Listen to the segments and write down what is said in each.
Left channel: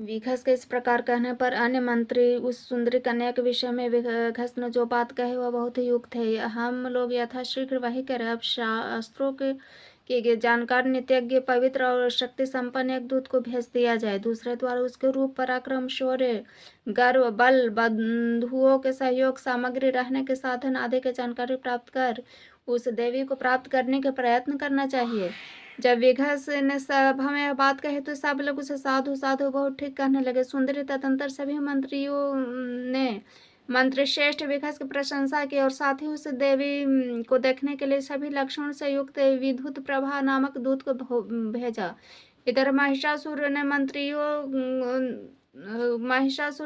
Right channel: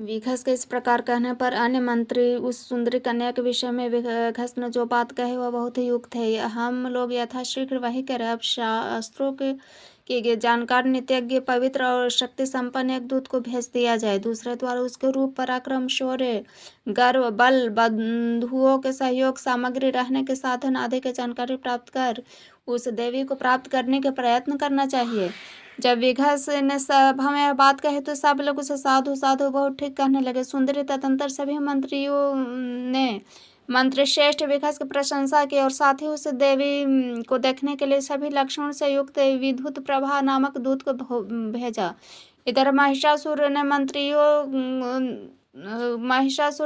विघस के इस प्रकार कहने पर अन्य मंत्री उस सुंदरी कन्या के विषय में विघस ने जो बात कही वह बहुत ही युक्त है। हम लोग यथाशीघ्र वही करें। अब शास्त्रों के जानकार, नित्यज्ञ, पवित्र और शक्ति संपन्न एक दूत को भेज दिया जाए। दूसरे द्वारा उसके रूप, पराक्रम, शौर्य, गर्व, बल, बंधुओं के सहयोग, सामग्री, रहने के साधन आदि की जानकारी प्राप्त कर उस देवी को प्राप्त करने के प्रयत्न करना चाहिए। जब विघस ने सभा में बात कही तो सब लोग उसे साधु साधु बहुत ठीक कहने लगे। सुंदरी तदंतर सभी मंत्रियों ने मंत्री श्रेष्ठ विघस की प्रशंसा की और साथ ही उस देवी को देखने के लिए सभी लक्षणों से युक्त विद्युत प्रभा नामक दूत को भेजा। इधर महिषासुर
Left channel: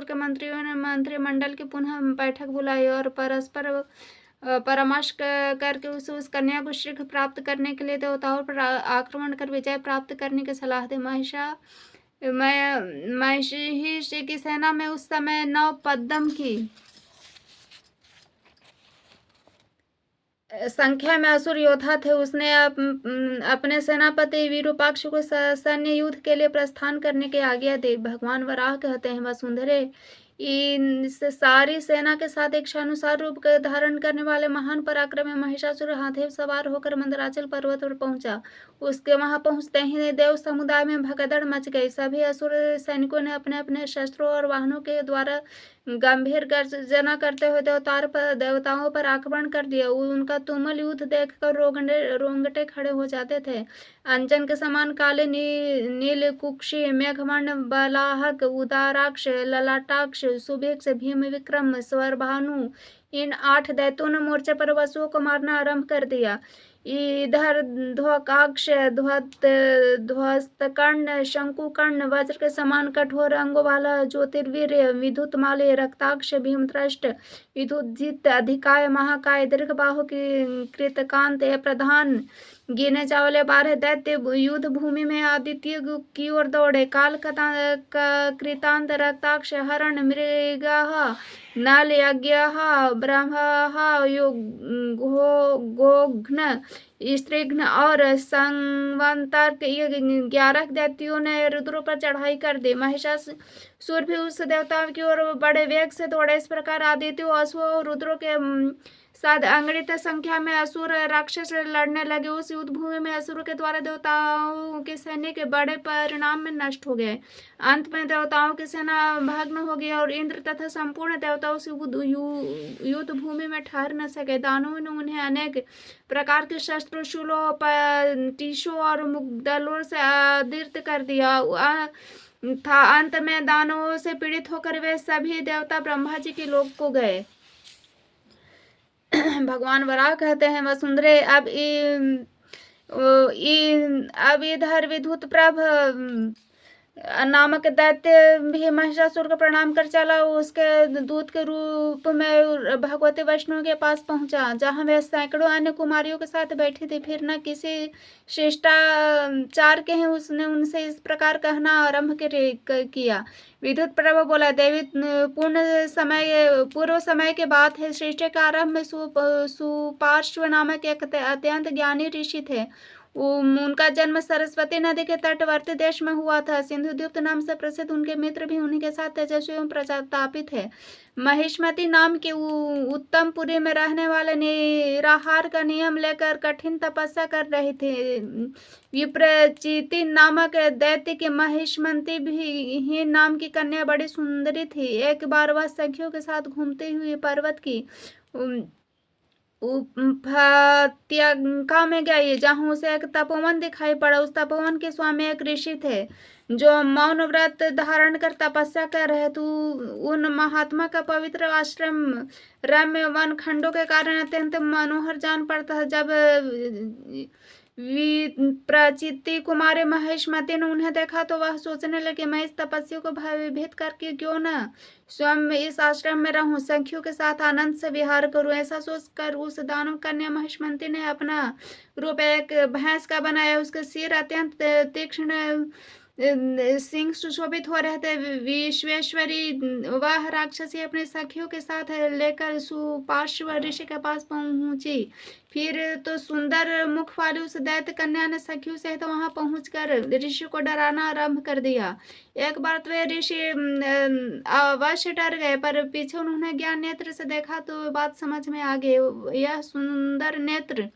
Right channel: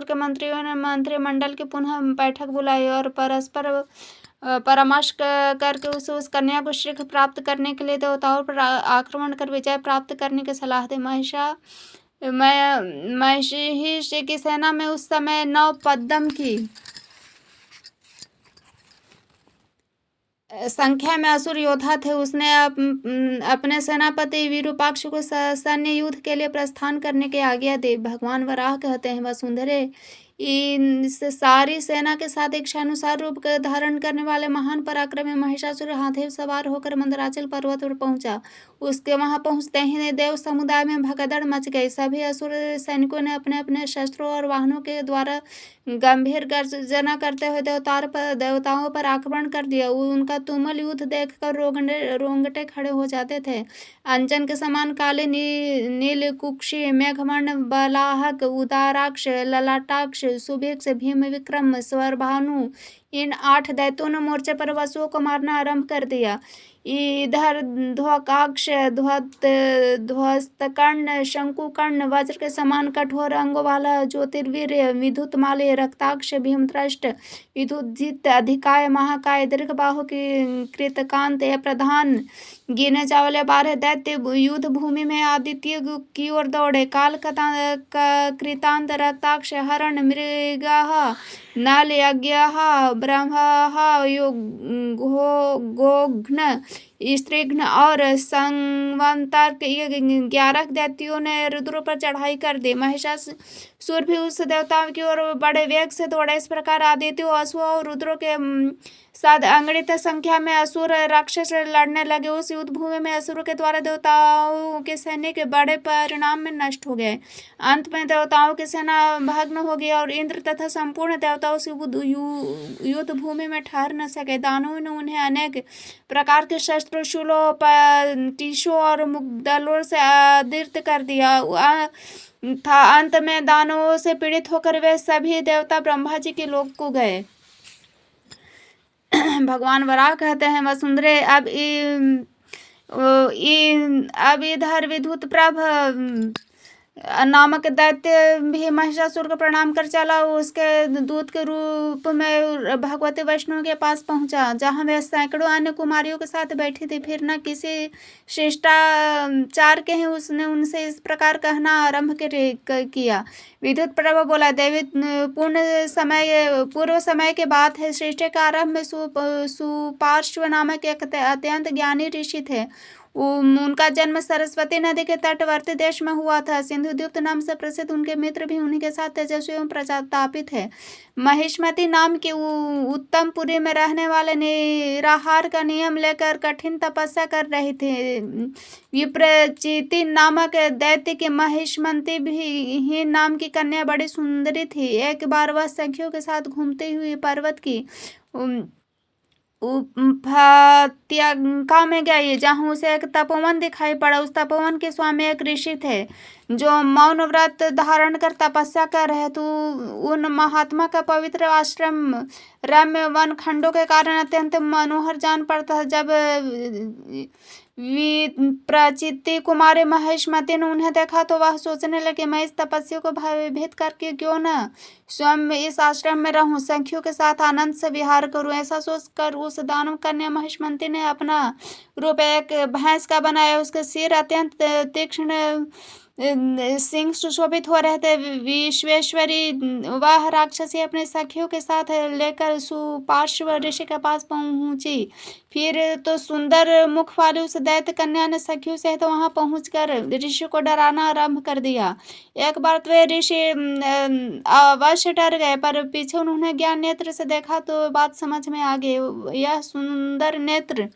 के मंत्रियों ने मंत्रिमंडल की पुनः बैठक बुलाई और परस्पर परामर्श करके उस कन्या को शीघ्र प्राप्त करने के लिए देवताओं पर आक्रमण कर विजय प्राप्त करने की सलाह दी। महिषी की सेना में उस समय 9 पद्म की संख्या में असुर योद्धा थे। उसने अपने सेनापति विरूपाक्ष को सैन्य युद्ध के लिए प्रस्थान करने की आज्ञा दी। भगवान वराह कहते हैं, वसुंधरे इस सारी सेना के साथ इच्छानुसार रूप धारण करने वाले महान पराक्रमी महिषासुर हाथी सवार होकर मंदराचल पर्वत पर पहुंचा। उसके वहां पहुंचते ही देव समुदाय में भगदड़ मच गई। सभी असुर सैनिकों ने अपने अपने शस्त्रों और वाहनों के द्वारा गंभीर गर्जना करते हुए देवताओं पर आक्रमण कर दिया। उनका तुमुल युद्ध देखकर रोंगटे खड़े हो जाते थे। अंजन के समान काले नील कुक्षी, मेघवर्ण, बलाहक, उदाराक्ष, ललाटाक्ष, सुभिक्ष, भीम विक्रम, स्वरभानु, इन 8 दैत्यों ने मोर्चे पर वसुओं को मारना आरंभ कर दिया। इधर ध्वकाक्ष, ध्वस्तकर्ण, शंकुकर्ण, वज्र के समान कठोर अंगों वाला ज्योतिर्वीर्य, विद्युतमाली, रक्ताक्ष, भीमत्रष्ट, विद्युजित, अधिकाय, महाकाय, दीर्घबाहु की कृतकांत, ये प्रधान गिने चावले 12 दैत्य युद्ध भूमि में आदित्य की ओर दौड़े। काल कृतांत, रक्ताक्ष, हरण, मृगः, नल, यज्ञः, ब्रह्मः, गोघ्न, स्त्रीघ्न और संवंतर के 11 दैत्यों ने रुद्र पर चढ़ाई कर दी। महिषासुर भी उस देवताओं की ओर बड़े वेग से दौड़े। इस प्रकार आदित्यों, असुओं और रुद्रों के साथ अगणित संख्या में असुर राक्षस लड़ने लगे। उस युद्ध भूमि में असुरों के द्वारा देवताओं के सैन्य के बड़े परिणाम में नष्ट हो गए। अंत में देवताओं की सेना भग्न हो गई और इंद्र तथा संपूर्ण देवता उस युद्ध भूमि में ठहर न सके। दानवों ने उन्हें अनेक प्रकार के शस्त्रों, शूलों, टीशों और मुग्दलों से आदृत कर दिया था। अंत में दानवों से पीड़ित होकर वे सभी देवता ब्रह्मा जी के लोक को गए। भगवान वराह कहते हैं, वसुंधरे अब इधर विद्युत प्रभ नामक दैत्य भी महिषासुर को प्रणाम कर चला। उसके दूत के रूप में भगवती वैष्णव के पास पहुंचा, जहां वे सैकड़ों अन्य कुमारियों के साथ बैठी थी। फिर न किसी शिष्टाचार के ही उसने उनसे इस प्रकार कहना आरंभ किया। विद्युत प्रभा बोला, देवी, पूर्व समय की बात है। सृष्टि के आरंभ में सुपार्श्व नामक एक अत्यंत ज्ञानी ऋषि थे। उनका जन्म सरस्वती नदी के तटवर्ती देश में हुआ था। सिंधुदूत नाम से प्रसिद्ध उनके मित्र भी उन्हीं के साथ तेजस्वी एवं प्रतापी थे। महिष्मती नाम की उत्तम पुरी में रहने वाले निराहार का नियम लेकर कठिन तपस्या कर रहे थे। विप्रचिति नामक दैत्य की महिष्मती भी नाम की कन्या बड़ी सुंदरी थी। एक बार वह सखियों के साथ घूमती हुई पर्वत की उपत्यका में गई, जहां उसे एक तपोवन दिखाई पड़ा। उस तपोवन के स्वामी एक ऋषि थे जो मौन व्रत धारण कर तपस्या कर रहे थे। उन महात्मा का पवित्र आश्रम रम्य वन खंडों के कारण अत्यंत मनोहर जान पड़ता है। जब विप्रचिति कुमारी महिष्मती ने उन्हें देखा तो वह सोचने लगी, मैं इस तपस्या को भयभीत करके क्यों न स्वयं इस आश्रम में रहूं, सखियों के साथ आनंद से विहार करूं। ऐसा सोचकर उस दानव कन्या महिष्मती ने अपना रूप एक भैंस का बनाया। उसके सिर अत्यंत तीक्ष्ण सिंह सुशोभित हो रहे थे। विश्वेश्वरी वह राक्षसी अपने सखियों के साथ लेकर सुपार्श्व ऋषि के पास पहुंची। फिर तो सुंदर मुख वाली उस दैत्य कन्या ने सखियों सहित वहां पहुंचकर ऋषि को डराना आरंभ कर दिया। एक बार तो वे ऋषि अवश्य डर गए, पर पीछे उन्होंने ज्ञान नेत्र से देखा तो बात समझ में आ गई। यह सुंदर नेत्र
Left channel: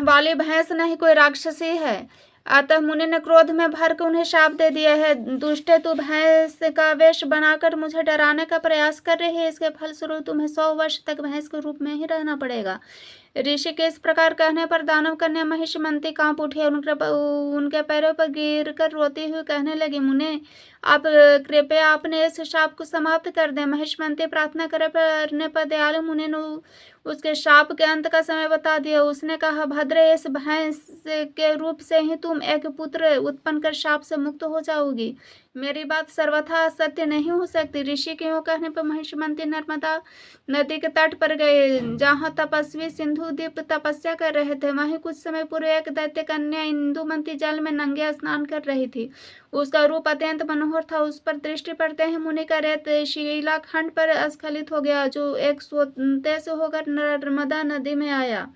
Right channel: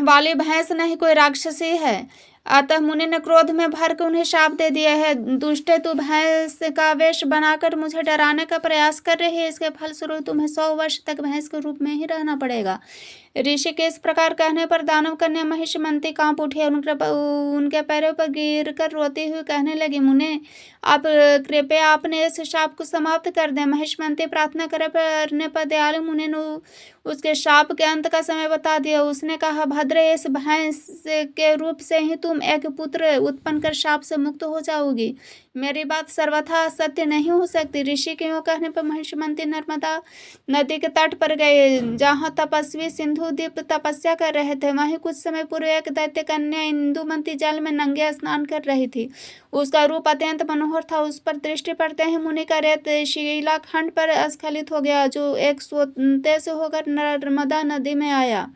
वाली भैंस नहीं, कोई राक्षसी है। अतः मुनि ने क्रोध में भर के उन्हें शाप दे दिया है। दुष्टे, तू भैंस का वेश बनाकर मुझे डराने का प्रयास कर रही है। इसके फलस्वरूप तुम्हें 100 वर्ष तक भैंस के रूप में ही रहना पड़ेगा। ऋषि के इस प्रकार कहने पर दानव कन्या महिषमती कांप उठी और उनके पैरों पर गिर कर रोती हुई कहने लगी, मुने, आप कृपया अपने इस शाप को समाप्त कर दें। महिषमती प्रार्थना करने पर दयालु मुनि ने उसके शाप के अंत का समय बता दिया। उसने कहा, भद्रे, इस भैंस के रूप से ही तुम एक पुत्र उत्पन्न कर शाप से मुक्त हो जाओगी। मेरी बात सर्वथा सत्य नहीं हो सकती। ऋषि के यूं कहने पर महिषमती नर्मदा नदी के तट पर गए, जहाँ तपस्वी सिंधुदीप तपस्या कर रहे थे। वहीं कुछ समय पूर्व एक दैत्य कन्या इंदुमती जल में नंगे स्नान कर रही थी। उसका रूप अत्यंत मनोहर था। उस पर दृष्टि पड़ते ही मुनि का रेत शिलाखंड पर स्खलित हो गया, जो एक सोते से होकर नर्मदा नदी में आया।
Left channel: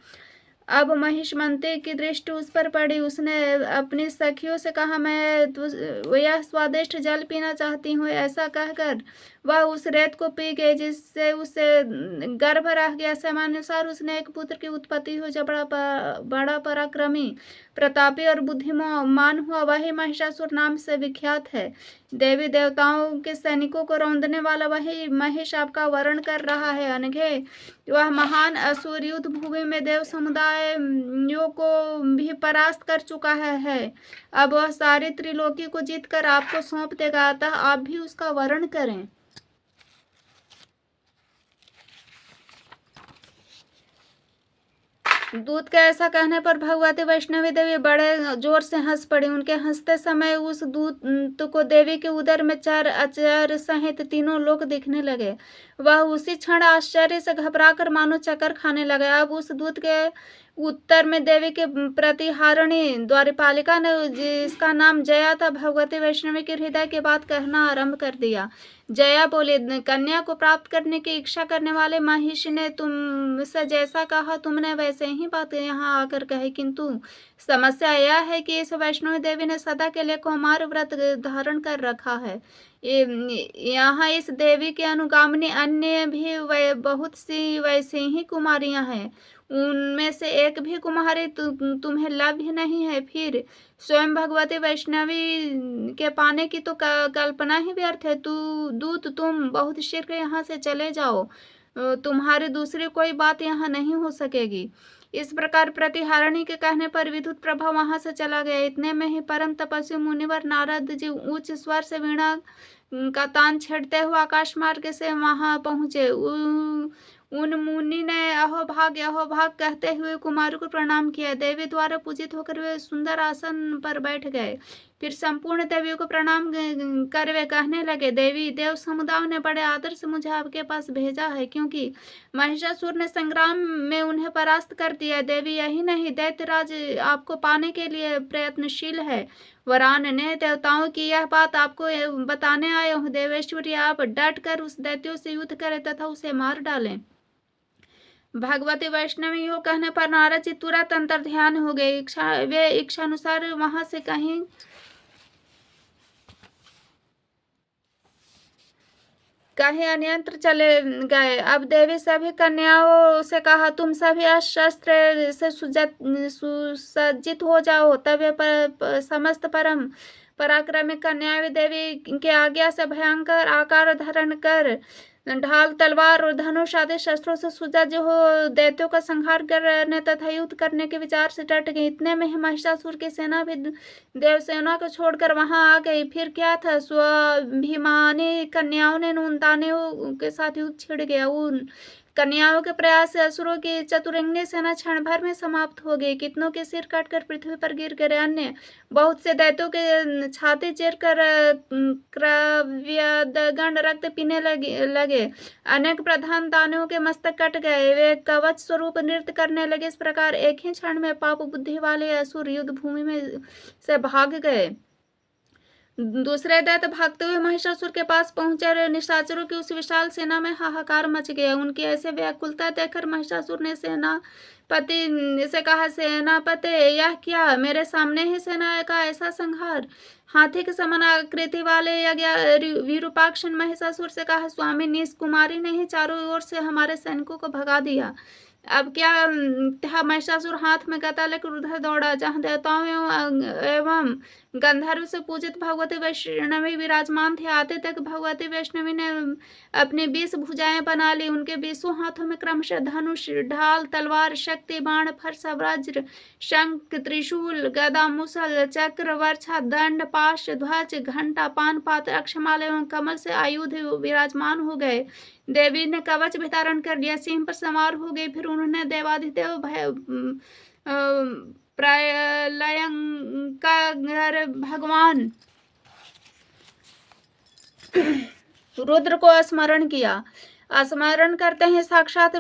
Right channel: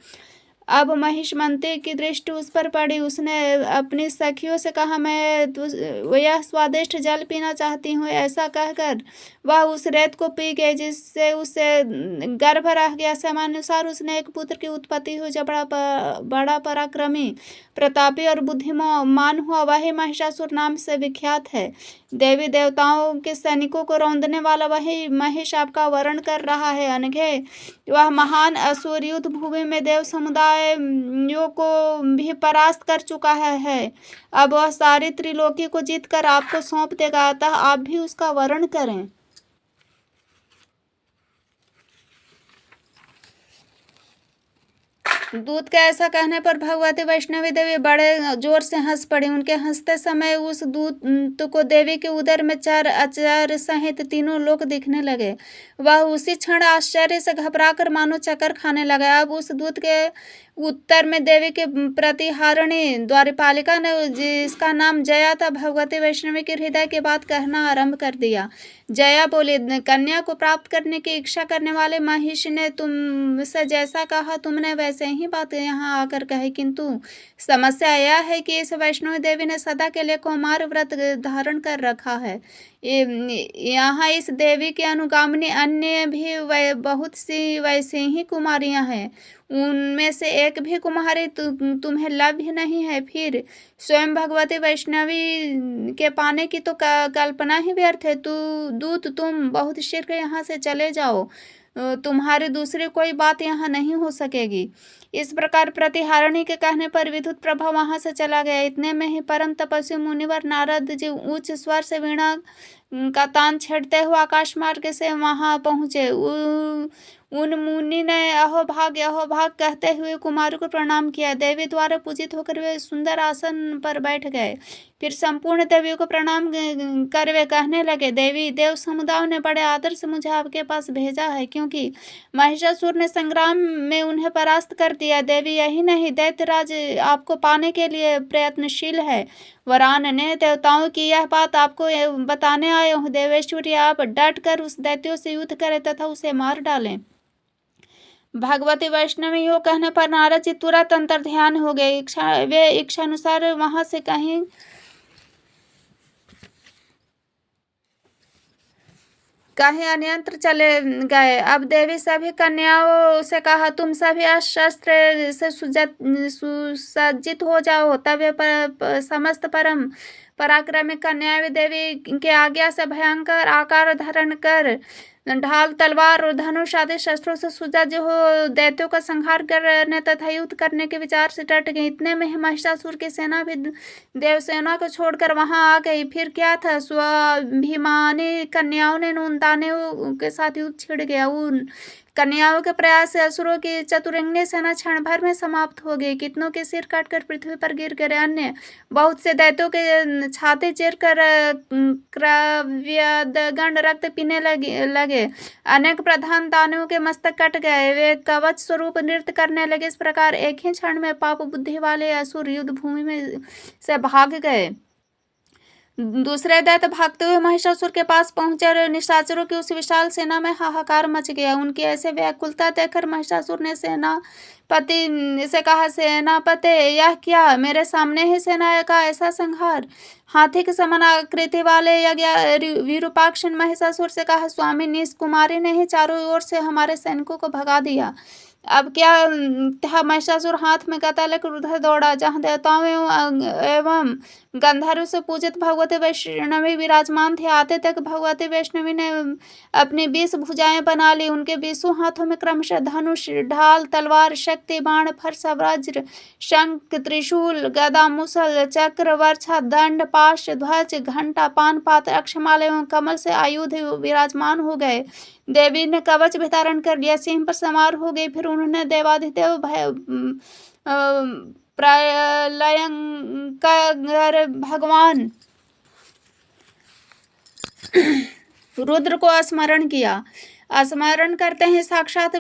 अब महिषमती की दृष्टि उस पर पड़ी। उसने अपनी सखियों से कहा, मैं यह स्वादिष्ट जल पीना चाहती हूँ। ऐसा कहकर वह उस रेत को पी गई, जिससे उसे गर्भ रह गया। समानुसार उसने एक पुत्र की उत्पत्ति हुई, जो बड़ा पराक्रमी, प्रतापी और बुद्धिमान हुआ। वही महिषासुर नाम से विख्यात है। देवी देवताओं के सैनिकों को रौंदने वाला वही महिष आपका वर्ण कर रहा है। अनघे, वह महान असुर युद्ध भूमि में देव समुदायों को भी परास्त कर चुका है। अब वह सारी त्रिलोकी को जीतकर आपको सौंप देगा, अतः आप भी उसका वर्ण करें। दूत के ऐसा कहने पर भगवती वैष्णवी देवी बड़े जोर से हंस पड़ी। उनके हंसते समय उस दूत को देवी के उदर में चर अचर सहित तीनों लोक दिखने लगे। वह उसी क्षण आश्चर्य से घबराकर मानो चक्कर खाने लगा। अब उस दूत के उत्तर में देवी के प्रतिहारिणी द्वारपालिका ने, जिसका नाम जया था, भगवती वैष्णवी के हृदय की बात कहना आरंभ कर दिया। जया बोली, कन्या को प्राप्त करने की इच्छा करने वाले महिषी ने तुमसे जैसा कहा, तुमने वैसे ही बात यहाँ आकर कही, किंतु समस्या यह है कि इस वैष्णवी देवी ने सदा के लिए कौमार व्रत धारण कर रखा है। यहाँ इस देवी के अनुगामिनी अन्य भी बहुत सी वैसी ही कुमारियां हैं। उनमें से एक भी कुमारी तुम्हें लभ्य नहीं है। फिर स्वयं भगवती वैष्णवी के पाने की तो कल्पना ही व्यर्थ है। दूत, तुम बहुत शीघ्र यहाँ से चले जाओ। तुम्हारी दूसरी कोई बात यहाँ नहीं हो सकेगी। इस प्रकार प्रतिहारिणी के कहने पर विद्युत प्रभा वहां से चला गया। इतने में ही परम तपस्वी मुनिवर नारद जी उच्च स्वर से वीणा का तान छेड़ते हुए आकाश मार्ग से वहां पहुंचे। उन मुनि ने अहोभाग कहते हुए कुमारी को प्रणाम किया। देवी द्वारा पूजित होकर वे सुंदर आसन पर बैठ गए। फिर संपूर्ण देवियों को प्रणाम कर वे कहने लगे, देवी, देव समुदाय ने बड़े आदर से मुझे आपके पास भेजा है, क्योंकि महिषासुर ने संग्राम में उन्हें परास्त कर दिया। देवी, यही नहीं, दैत्यराज आपको पाने के लिए प्रयत्नशील है। वरान ने देवताओं की यह बात आपको बताने आए हूँ। देवेश्वरी, आप डट कर उस दैत्यों से युद्ध करें तथा उसे मार डालें। भगवती वैष्णवी यो कहने पर नारद जी तुरंत अंतर ध्यान हो गए। वे इच्छानुसार वहां से कहीं अन्यत्र चले गए। अब देवी सभी कन्याओं से कहा, तुम सभी शस्त्र से सुसज्जित हो जाओ। तब वे समस्त परम पराक्रमी कन्याएं देवी के आज्ञा से भयंकर आकार धारण कर ढाल, तलवार और धनुष आदि शस्त्रों से सुसज्ज हो दैत्यों का संहार करने तथा युद्ध करने के विचार से डट गई। इतने में ही महिषासुर की सेना भी देवसेना को छोड़कर वहां आ गई। फिर क्या था, स्वाभिमानी कन्याओं ने नूनदानियों के साथ युद्ध छिड़ गया। उन कन्याओं के प्रयास से असुरों की चतुरंगिनी सेना क्षण भर में समाप्त हो गई। कितनों के सिर काटकर पृथ्वी पर गिर गए। अन्य बहुत से दैत्यों के छाती चीर कर क्रव्यदगण रक्त पीने लगे। अनेक प्रधान दानवों के मस्तक कट गए। वे कवच स्वरूप नृत्य करने लगे। इस प्रकार एक ही क्षण में पाप बुद्धि वाले असुर युद्ध भूमि में से भाग गए। दूसरे दैत्य भागते हुए महिषासुर के पास पहुंचे और निशाचरों की उस विशाल सेना में हाहाकार मच गया। उनकी ऐसे व्याकुलता देखकर महिषासुर ने सेनापति से कहा, सेनापति, यह क्या? मेरे सामने ही सेना का ऐसा संहार? हाथी के समान आकृति वाले विरूपाक्ष महिषासुर से कहा, स्वामी, निश ने ही चारों ओर से हमारे सैनिकों को भगा दिया। अब क्या था? महिषासुर हाथ में गदा लेकर उधर दौड़ा जहां देवताओं एवं गंधर्व से पूजित भगवती वैष्णवी विराजमान थे। आते तक भगवती वैष्णवी ने अपनी 20 भुजाएं बना ली। उनके 20 हाथों में क्रमशः धनुष, ढाल, तलवार, शक्ति, बाण, फरसा, वज्र, शंख, त्रिशूल, गदा, मुसल, चक्र, वर्षा, दंड, पाश, ध्वज, घंटा, पान पात्र, अक्षमाला एवं कमल से आयुध विराजमान हो गए। देवी ने कवच भी धारण कर लिया, सिंह पर सवार हो गई। फिर उन्होंने देवाधिदेव प्रलयंकर भगवान रुद्र को स्मरण किया। स्मरण करते हैं साक्षात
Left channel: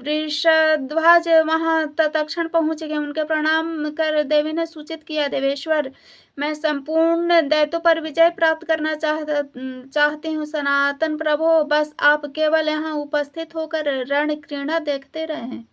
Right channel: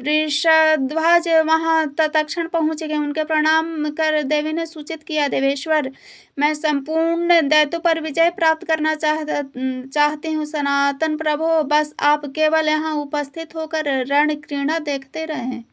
वृषध्वज वहां तत्क्षण पहुंच गए। उनके प्रणाम कर देवी ने सूचित किया, देवेश्वर, मैं संपूर्ण दैत्यों पर विजय प्राप्त करना चाहती हूँ। सनातन प्रभो, बस आप केवल यहाँ उपस्थित होकर रण क्रीड़ा देखते रहें।